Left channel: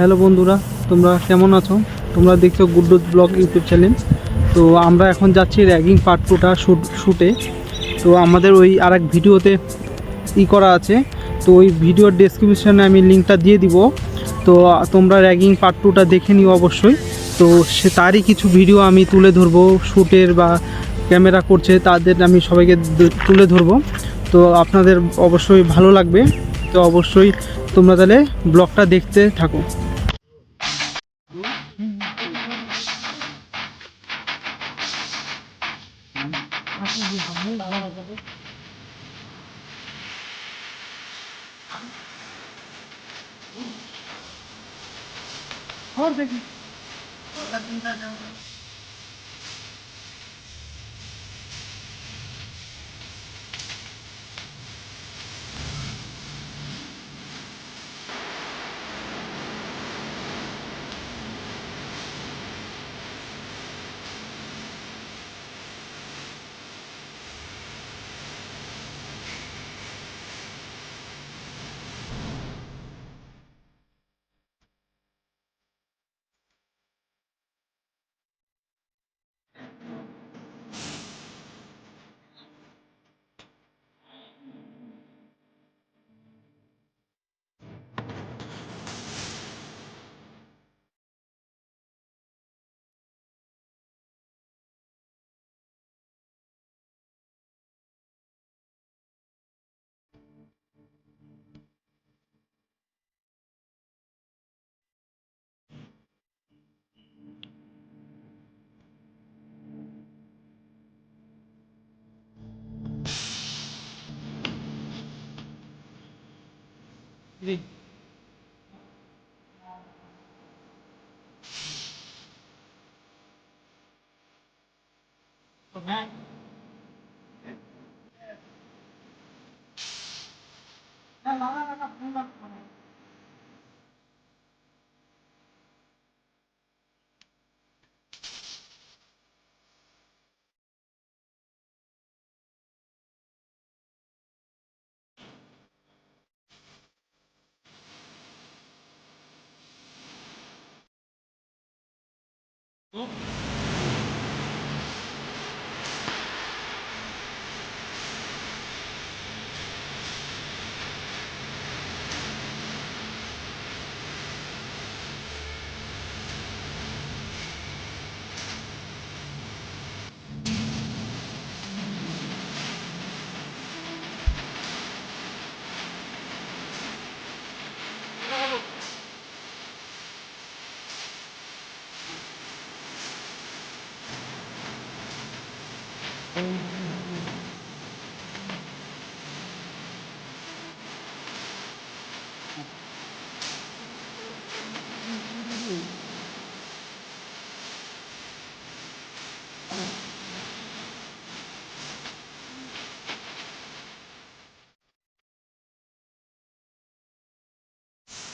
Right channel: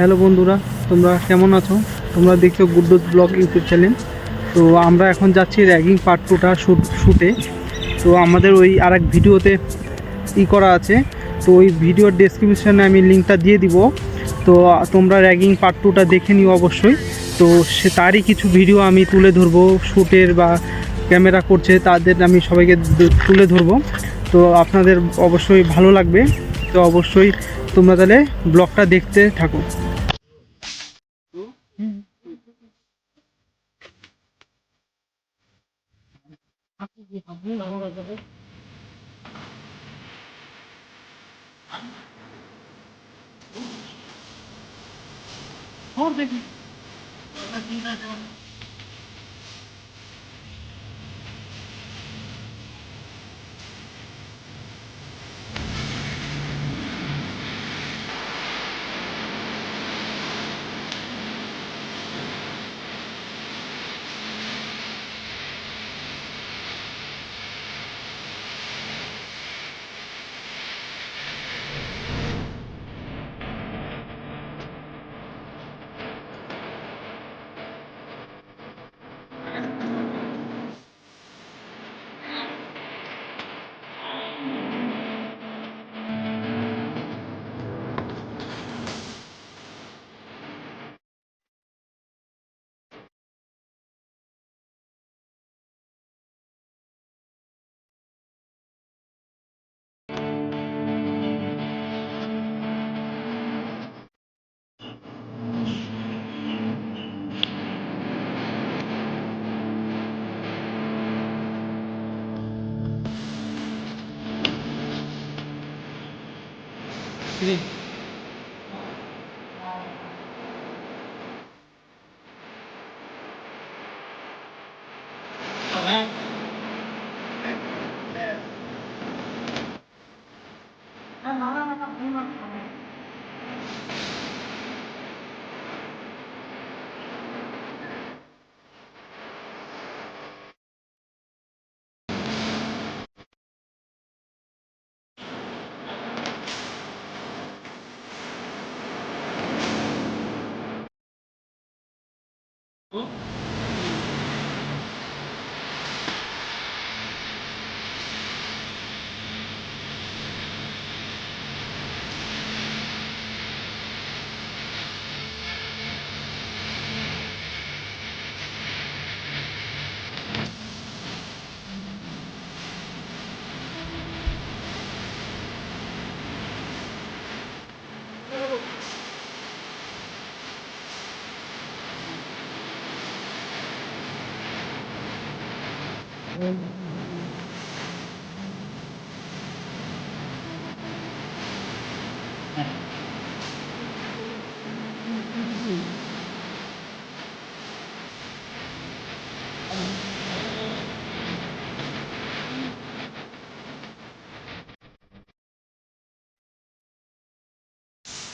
Hello বন্ধুরা, তোমরা কেমন আছো? তোমরা দেখছো গুড্ডুস ব্লগ ইউটিউব চ্যানেল। তো আমরা এখন যাচ্ছি র্যাগিং পার্ট 2টা শ্যুটে। তো আমাদের ওই আরেক ভিডিওতে করা আছে, তো ওই ভিডিওর ডেসক্রিপশনে আমি লিঙ্কটা দিয়ে দিব। তো তোমরা র্যাগিং পার্ট 2টা দেখে নিও অবশ্যই। তো তারই কিছু ভিডিও আমি তুলে ধরবো, শ্যুটের বা ক্যামেরা করছে তাদের আমি সবাইকে তুলে ধরবো। তো আপনাদের অবশ্যই ভালো লাগবে। তো অবশ্যই তোমরা তাহলে ব্লগটা দেখতে থাকো। और देखिए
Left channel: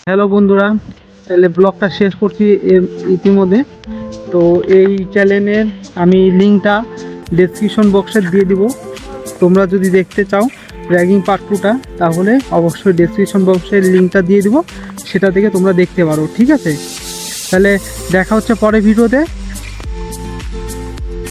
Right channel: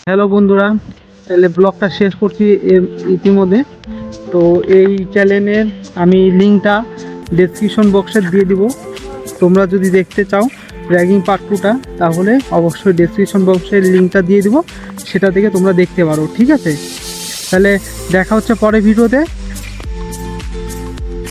হ্যালো বন্ধুরা, তাহলে ব্লগটা শেষ করছি ইতিমধ্যে। তো এই চ্যানেলের আমি লিঙ্কটা ডেসক্রিপশন বক্সে দিয়ে দিব। তোমরা যদি দেখতে চাও র্যাগিং পার্ট 2টা, তাহলে অবশ্যই ডেসক্রিপশন বক্সের লিঙ্কটা দিয়ে দিব, সেটা থেকে তোমরা দেখতে পারো। ঠিক আছে, তাহলে দেখা হচ্ছে পরের ভিডিওতে।